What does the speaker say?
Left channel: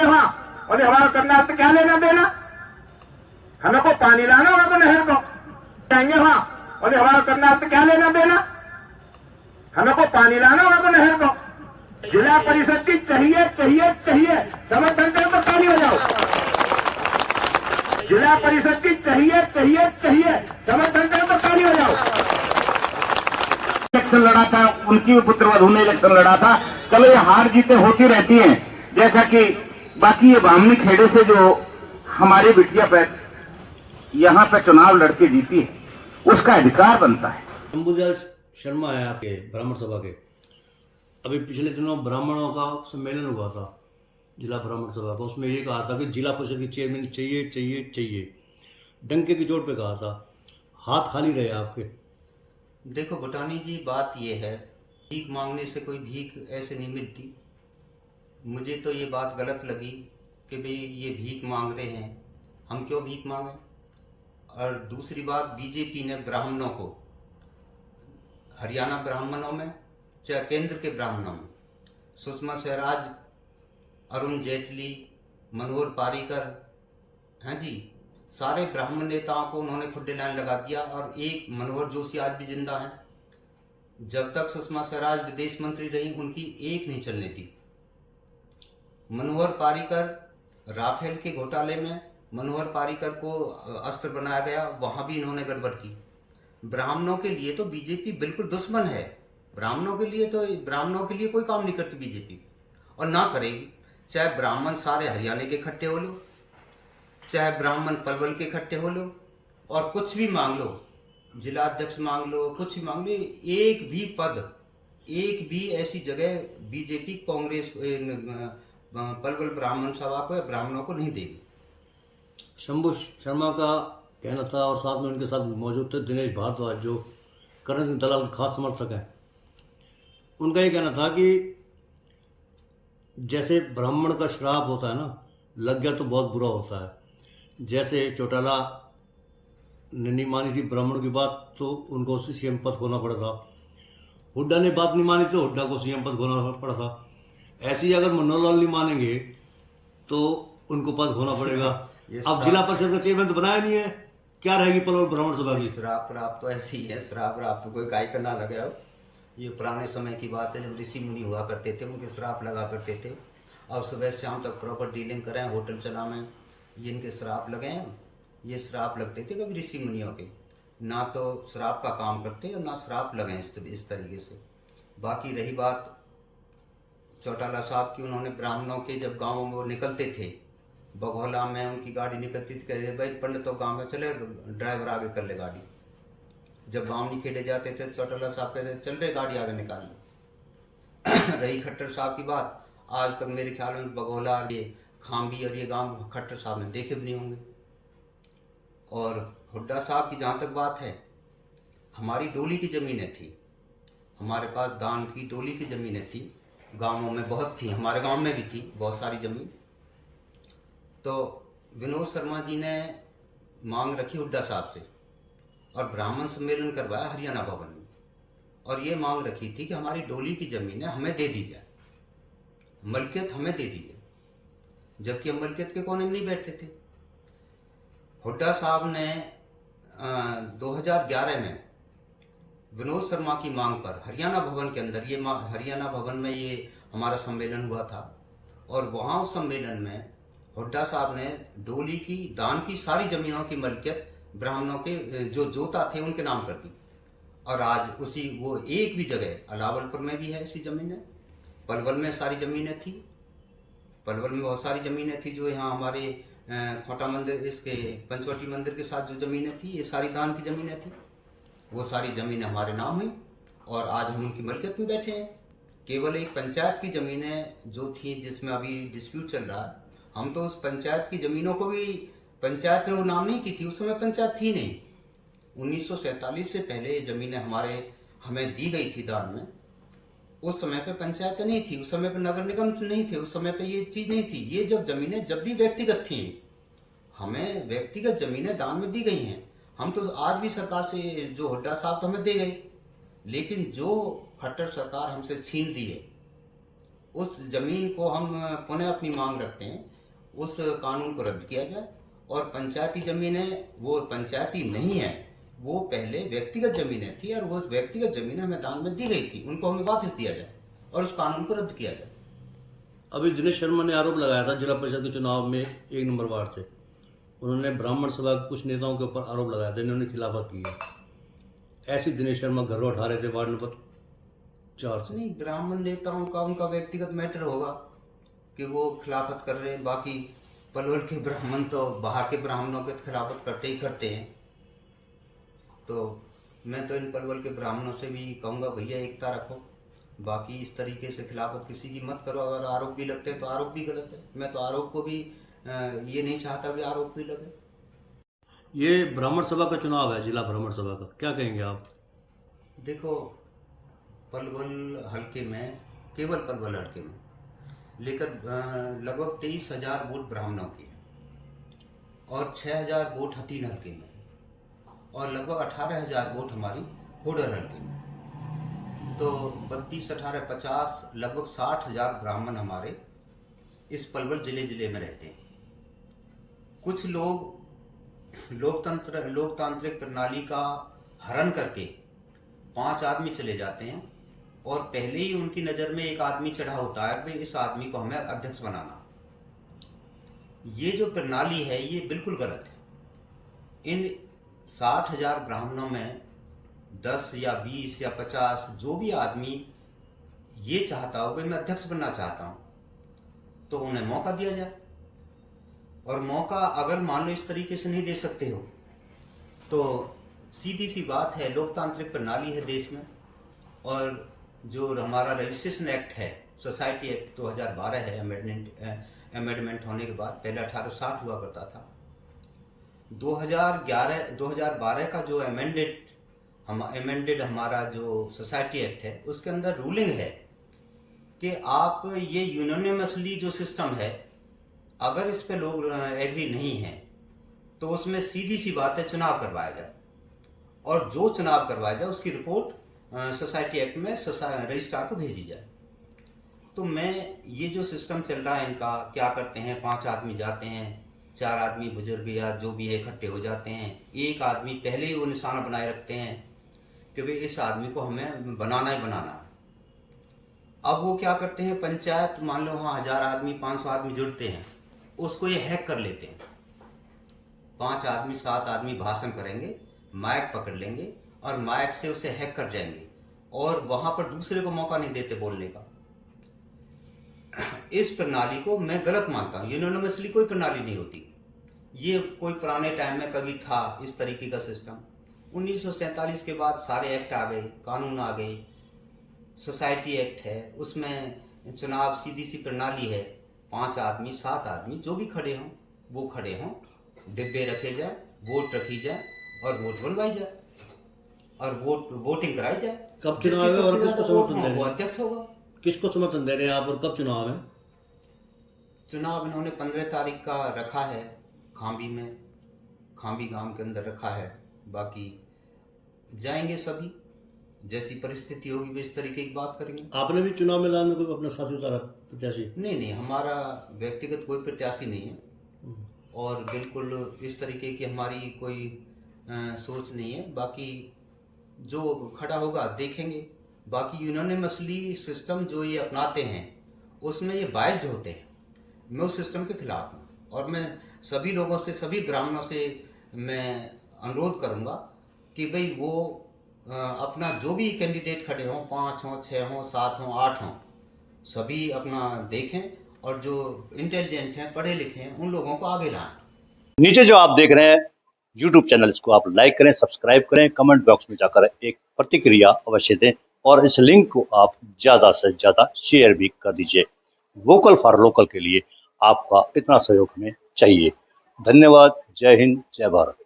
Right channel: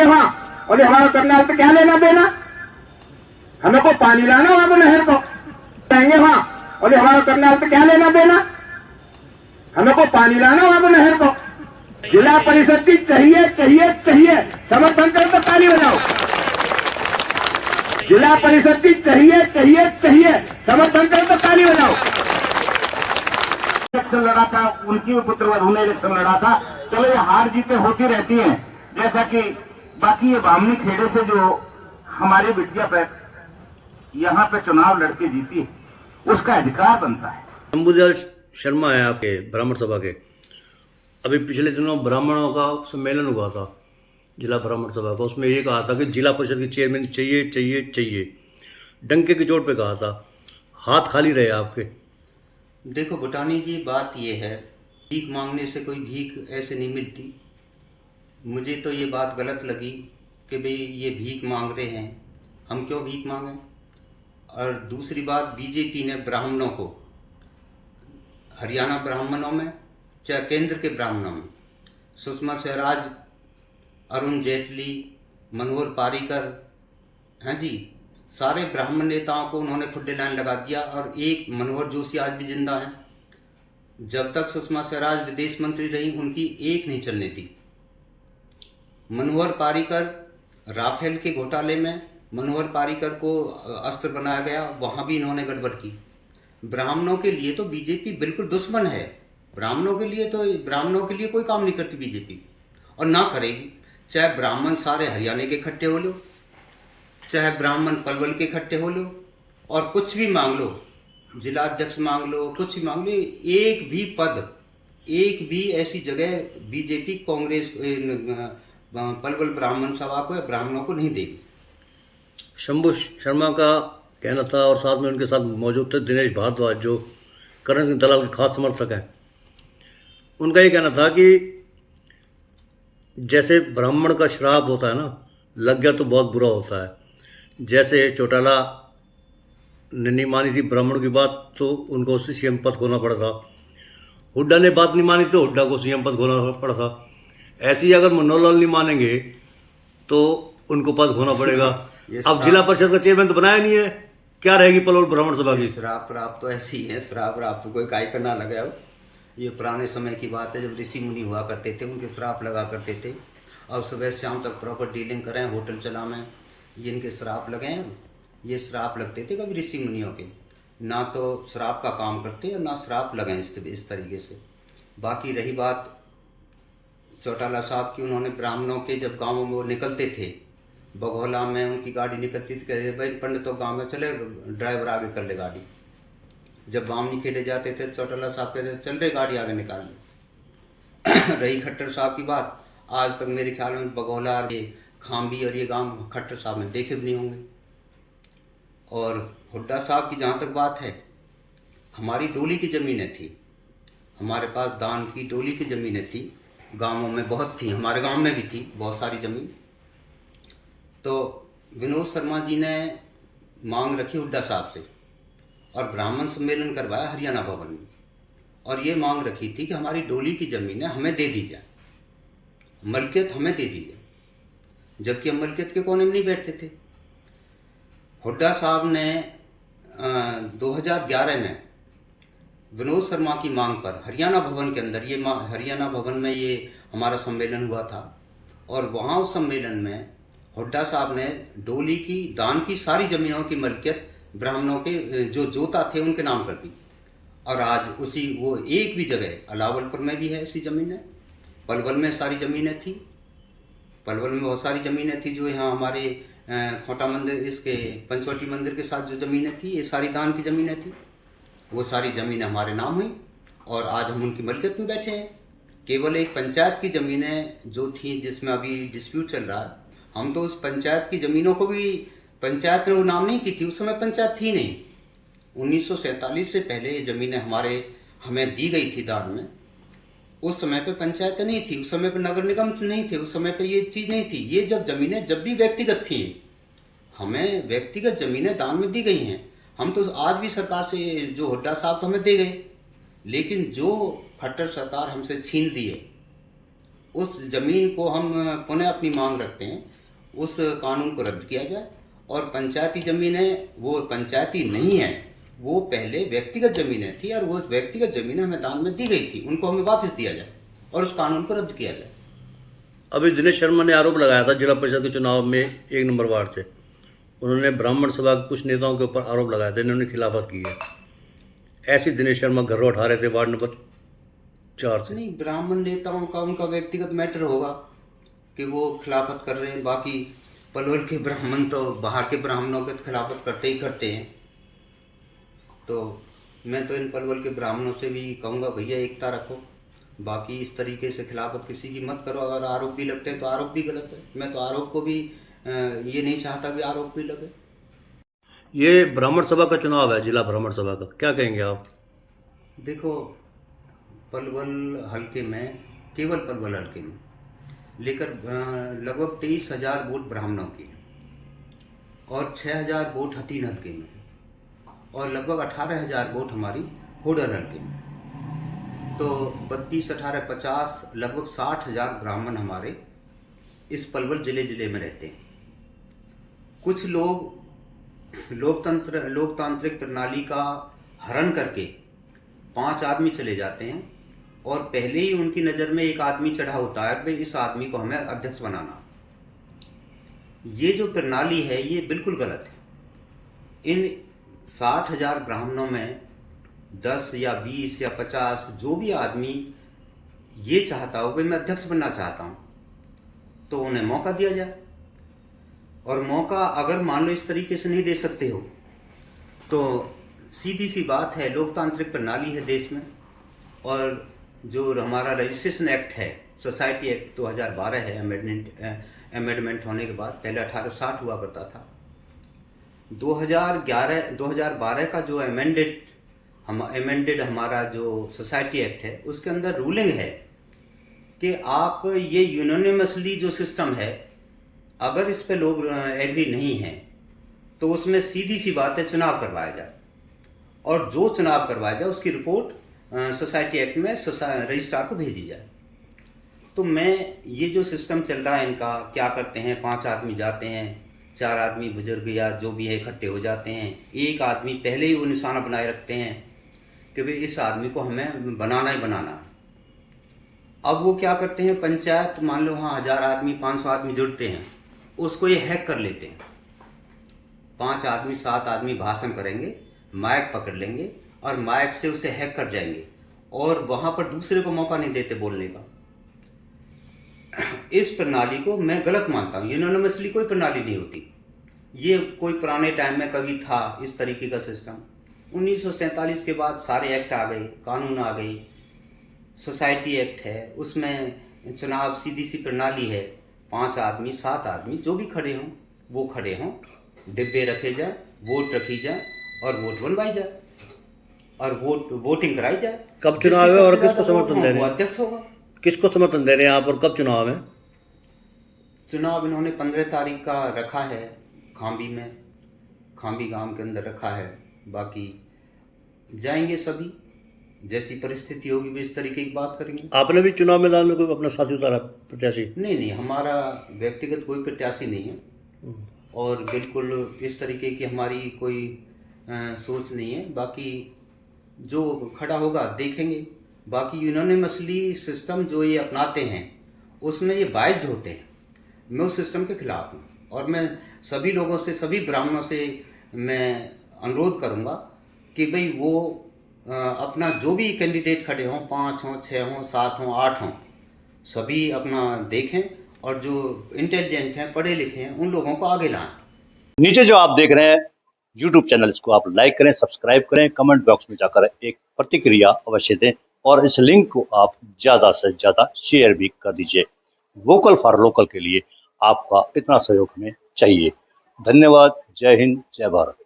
जाएंगे वहां, और हमारा करनाल पे क्या लेना देना, हमें को पानी लाना वहां पर नहर को जाएंगे वहां, और हमारा करनाल पे क्या लेना देना, हमें को पानी लाना वहां पर नहर को। जिला परिषद की चाहिए चाहिए चाहिए, समर्थन कर तो ताली बजाओ। जिला परिषद की चाहिए चाहिए चाहिए, समर्थन कर तो ताली बजाओ। इलेक्शन लड़ा था, उनकी भी पुत्रवधू ने इलेक्शन लड़ा था। चलो ये हार जीतें होती रहती हैं, जैसा कि बाकी ये बामनी खेड़े से जो हमारी बिटिया पे यहाँ पे चुनाव लड़के जीती है, उसका अधिकार बनता है। शंभुदयाल शर्मा है आपके ब्राह्मण सभा के। अभी पिछले दिनों ब्राह्मणों का सम्मेलन हुआ था, जिला ब्राह्मण सभा का। उसमें ये कहा था कि जिला परिषद की चेयरमैन चाहिए चाहिए चाहिए, डंके की चोट पे कहा था। हाथ खाली रहे आपके। देखो भूटानी जी, बात ये है, भीख मांगने से कोई भीख ऐसे नहीं मिलती। मुझे तो ये बात गलत लगी कि भाई ये भीख मांग रहे हैं, हम क्यों भीख मांगें। और दूसरी बात, बीजेपी ने ब्राह्मणों को, हरियाणा ब्राह्मणों में चाहे केंद्र के ब्राह्मणों में, सुषमा स्वराज, अरुण जेटली, मनोहर पारीकर, हैं जी, सारे ब्राह्मण नेताओं को उन्होंने खुड्डे लाइन लगा दिया। और एक मनोहर जोशी आज भी जिंदा हैं। जब तक सुषमा स्वराज विदेश मंत्री रही, उनकी एक नहीं चलने दी। मनोहर पारीकर, राफेल के घोटाले में मनोहर पारीकर को अस्त्र बनाया गया, वहाँ भी इन्होंने गड़बड़ की। ब्राह्मणों के लिए तो बीजेपी बिल्कुल दुश्मन है। ब्राह्मणों के लिए कोई काम नहीं करती बीजेपी, और ना करेगी। चाहे ब्राह्मण सारे हरियाणा के इकट्ठे हो लो, चाहे ब्राह्मण पलवल के इकट्ठे हो लो, और कुछ भी मांग लो, जिला अध्यक्ष मांग लो, कुछ भी मांग लो, एक भी पद, एक भी ऐसी जगह बीजेपी कांग्रेस पलवल ब्राह्मण सभा को या ब्राह्मणों को नहीं देगी। शंभू शर्मा का कहना था, और साथ में उनके साथ मौजूद थे दिनेश भारद्वाज, जो करण सिंह दलाल के खास समर्थक हैं। उनका ये कहना था कि जैसे ब्राह्मण का श्राप होता है ना, लग गया तो बहुत बुरा होता है। जैसे चौटाला ने नहीं मानी थी ब्राह्मणों की बात, तो उनको सीएम पद खोना पड़ा था। हुड्डा ने बात नहीं मानी तो हुड्डा को सीएम पद खोना पड़ा था। ऐसे ही अगर मनोहर लाल नहीं मानेंगे तो उनको पद खोना पड़ेगा। अब जिला परिषद का चेयरमैन तो बनाया नहीं है, क्या रहेगी पलवल ब्राह्मण सभा की? श्राप राप तो ऐसी है, श्राप राप तो कोई काय का ना लगा हो। ये पुराने समय की बात है, जब ऋषि मुनि हुआ करते थे, उनके श्राप लगा करते थे। अब सुबह शाम तक प्रॉपर डीलिंग करें, होटल चलाएं, ये इनके श्राप लगे हैं। ये श्राप लगते थे कभी ऋषि मुनियों के, ना तो श्राप का काम करते और ना श्राप लगे इस तरीके से। बाकी रही बात चौटाला साहब की, उन्होंने ब्राह्मणों के जब गाँवों में वो निकलते थे, बघौला में उनकी गाड़ी निकलती थी, कहते भाई पंडितों गाँव में चले, ड्राइवर आगे कर ले गाड़ी। जब बामनी खेड़े जाते थे, चौटाला साहब कहते चल रहे गाड़ी आगे निकाल लो। रही खट्टर साहब की बात, आज तक मेरे ख्याल में बघौला और ये खाम्बी और ये गांव खट्टर साहब ने देखे भी नहीं होंगे। और हुड्डा साहब की जहाँ तक बात है, हमारी डोली की ज़मीनें थी, हमारे पास दान की डोली की ज़मीनें थी, गाँवों में बहुत थी, हमारे गाँव में भी थी बहुत सारी ज़मीन। तो विनोद शर्मा जी ने मांग रखी हुड्डा साहब से, और ब्राह्मण सम्मेलन करवाया हरियाणा भवन में, और ये मांग रखी थी कि हमारी डोली की ज़मीनें हमें दे दी जाए, मलकियत हमें दे दी जाए, जबकि हम मलकियत के कोने में नहीं बैठते थे। हुड्डा साहब ने 2011 में विनोद शर्मा की मांग पर हरियाणा भवन के अंदर, ये हरियाणा भवन में ये हमारा सम्मेलन हुआ था, और वहाँ उस सम्मेलन में हुड्डा साहब ने डोली की दान की सारी ज़मीनों की मलकियत ब्राह्मणों के जो जोता थे उनके नाम कर दी। और आज उसी वो एक भी जगह, अलावलपुर में भी है ऐसी ज़मीनें, पलवल में सारी ज़मीनें थी, पलवल में बहुत सारी ज़मीनें थी, जो यहाँ हमारे खोटा मंदिर, इसके पंचवटी मंदिर के साथ जो ज़मीनें थी, ये सारी दान की ज़मीनें थी। वो सारी ज़मीनें हमारे नाम हुई, और आज हम उनकी मलकियत में बैठे हैं। केवल एक पंचायत की ज़मीनें जो थी, जिसमें अभी डिस्प्यूट चल रहा है, हम तो उस पंचायत की ज़मीनों को भी, पंचायत ने वो नाम नहीं की थी, उस समय पंचायत थी नहीं। 1947 से पहले ये ज़मीनें हमें दी गई थी दान में। उस समय पे पंचायत नहीं थी, उस समय पे नगर निगम नहीं थे, उस समय पे ये चीज़ नहीं थी। ये जब ज़मीनें जब भी व्यक्तिगत थी, हमें व्यक्तिगत ज़मीनें दान में दी गई हैं। हम तो आज भी सरकार से, जो हुड्डा साहब तो हमें दे गए, लेकिन जो खट्टर सरकार हमसे छीन रही है, उस ज़मीन को हम पुनः अपनी मांग रखते हैं, उस कानून को रद्द किया जाए। और पंचायती ज़मीनें वो पंचायती नहीं है, वो पहले व्यक्तिगत ज़मीनें थी और वो व्यक्तिगत ज़मीनें हमें दान में दी गई थी, उनको हमें वापस दिया जाए और उस कानून को रद्द किया जाए। अभी दिनेश शर्मा ने आरोप लगाया था जिला परिषद के चुनाव में 1 नंबर वार्ड से, उन्होंने ब्राह्मण सभा के कुछ नेताओं के ऊपर आरोप लगाए थे, इन्होंने खिलाफत की है। ऐसी दिनेश शर्मा घर उठा रहे थे वार्ड नंबर 4 से। नहीं, ब्राह्मण नेताओं का उनका व्यक्तिगत मैटर होगा कि वो खिलाफत कर रहे हैं। बाकी पलवल के ब्राह्मण तो बाहर के ब्राह्मणों के खिलाफत करते ही करते हैं। तो मैं तो इन पलवल के ब्राह्मणों से भी कहूँगा, भैया एकता रखो, बाकी इस तरीके से खिलाफत किसी की मत करो। अगर आरोप भी लगते हैं तो आरोप भी गलत है। मैं तो आरोप को भी ये नहीं चाहता कि आरोप भी लगे। ये ब्राह्मण सभा का चुनाव है, जिला ब्राह्मण सभा का, क्या कहेंगे आप? देखो, पलवल हल्के में, केवल पलवल हल्के में लेकर लगभग 23,000 वोट ब्राह्मणों के और 6,000 वोट हथीन हल्के में और लगभग 18,000 वोट हमारी होडल हल्के में। तो 32, 18, 50 लगभग 60,000 ब्राह्मण हमारे इस पलवल जिले में रहते हैं। कुछ लोग लोकतांत्रिक प्रणाली का हरण करके 5 आदमी चले जाते हैं और पहले ही उनकी नज़र में एक आदमी चढ़ा होता है कि इस आदमी को हमें अध्यक्ष बनाना। ये जो प्रणाली है ये बिल्कुल गलत है। इन 60,000 ब्राह्मणों में 10 या 20 या 50 जो भी आदमी ये चाहता हो कि मैं अध्यक्ष बनना चाहता हूँ, तो उन्हें मौका दिया जाए। और मौका अगर मान लो इस तरीके से नहीं दे सकते हो, तो सीधी सी बात है, लोकतांत्रिक प्रणाली है देश में, और जो हमारा रजिस्ट्रेशन एक्ट है, सोसाइटी एक्ट 2012 है, अमेंडमेंट होने के बाद, पहले 1860 हुआ करता था। 2012 का जो अमेंडेड हमारा जो सोसाइटी एक्ट है, उसके अंदर रूलिंग है कि आप ये यूनानिमसली जो सिस्टम है, अगर इस पे लोग एग्री नहीं हैं तो उसमें सीधी सी बात है चुनाव करवाया जाए, और जो चुनाव करवाया जाए उसकी रिपोर्ट सोसाइटी एक्ट में रजिस्ट्रार को भेजी जाए। तो मैं ये जो सिस्टम चल रहा है इनका, क्या करते हैं, 5 आदमी जाते हैं, 4 आदमी बुजुर्ग या जो भी है इकट्ठे हो जाते हैं, एक आदमी पहले ही वो निशाना बनाए रखते हैं कि भाई इस आदमी को हमें बनाना ही बनाना है। अब वो क्या करते हैं, पंचायत मान लो वहाँ 1000 आदमी 500 आदमी जुड़ते हैं, उसको ये हैक कर लेते हैं। 5 आदमी 7 आदमी भाषण करेंगे, माइक पकड़ लेंगे और माइक से उसे हैक कर जाएंगे और वहाँ पर दूसरे को मौका नहीं देते बोलने का। इस प्रणाली को मैं गलत मानता हूँ। यूनानिमसली कोई प्रणाली नहीं होती। ये कोई पुराने टाइम में कभी था इस तरीके का सिस्टम। 1947 के बाद सारे एक्ट आ गए, कानून आ गए, सोसाइटी एक्ट है, उसमें चुनाव सीधी सी प्रणाली है, 5 आदमी 7 आदमी जो भी खड़े हों वो खड़े हों, डिब्बे रखे जाए, वोट रखी जाए और वोट बनवाई जाए और वोटिंग कराई जाए। कब चुनाव है और किसको समर्थन दे रहे वो हैं? अध्यक्ष होगा। किसको समर्थन दे रहे हैं आप और कब चुनाव है? चुनाव इन्होंने 15 तारीख का रखा है, खांबी गांव के अंदर रखा है। बाकी जाएंगे सभी, जैसी परिस्थिति होगी भी इस तरीके की बात करेंगे। आपने भी चुनाव मैदान में कोई अपना साथी उतारा, प्रत्याशी? नहीं, हमारा व्यक्तिगत कोई प्रत्याशी नहीं है और बिल्कुल इस तरीके की हमारी कोई सोच नहीं है। बाकी जो खड़ा होगा देखेंगे। बाकी यूनानिमसली सिस्टम जो ये अपनाते हैं उसमें ये बाइज्ड होते हैं। मैं उस सिस्टम के खिलाफ हूँ और मैं सभी लोगों से, सभी ब्राह्मणों से मैं अनुरोध करूँगा कि भाई वो अपना जो भी कैंडिडेट खड़े हों, 5 हों, 6 हों, 7 हों, 8 हों, सभी अपना देखें और जो इंटेलिजेंट हैं, पढ़े लिखे हैं, उन लोगों को आगे लाएं। नीचे जो आप देख रहे हैं YouTube चैनल, इसको आप लाइक करें, सब्सक्राइब करें, कमेंट बॉक्स में जाकर एक प्रतिक्रिया अवश्य दें और इस लिंक को आप ज़्यादा से ज़्यादा शेयर भी कर दीजिए। वोकल फॉर लोकल के लिए आपका इतना सहयोग हमें चाहिए। धन्यवाद। जय हिंद, जय भारत।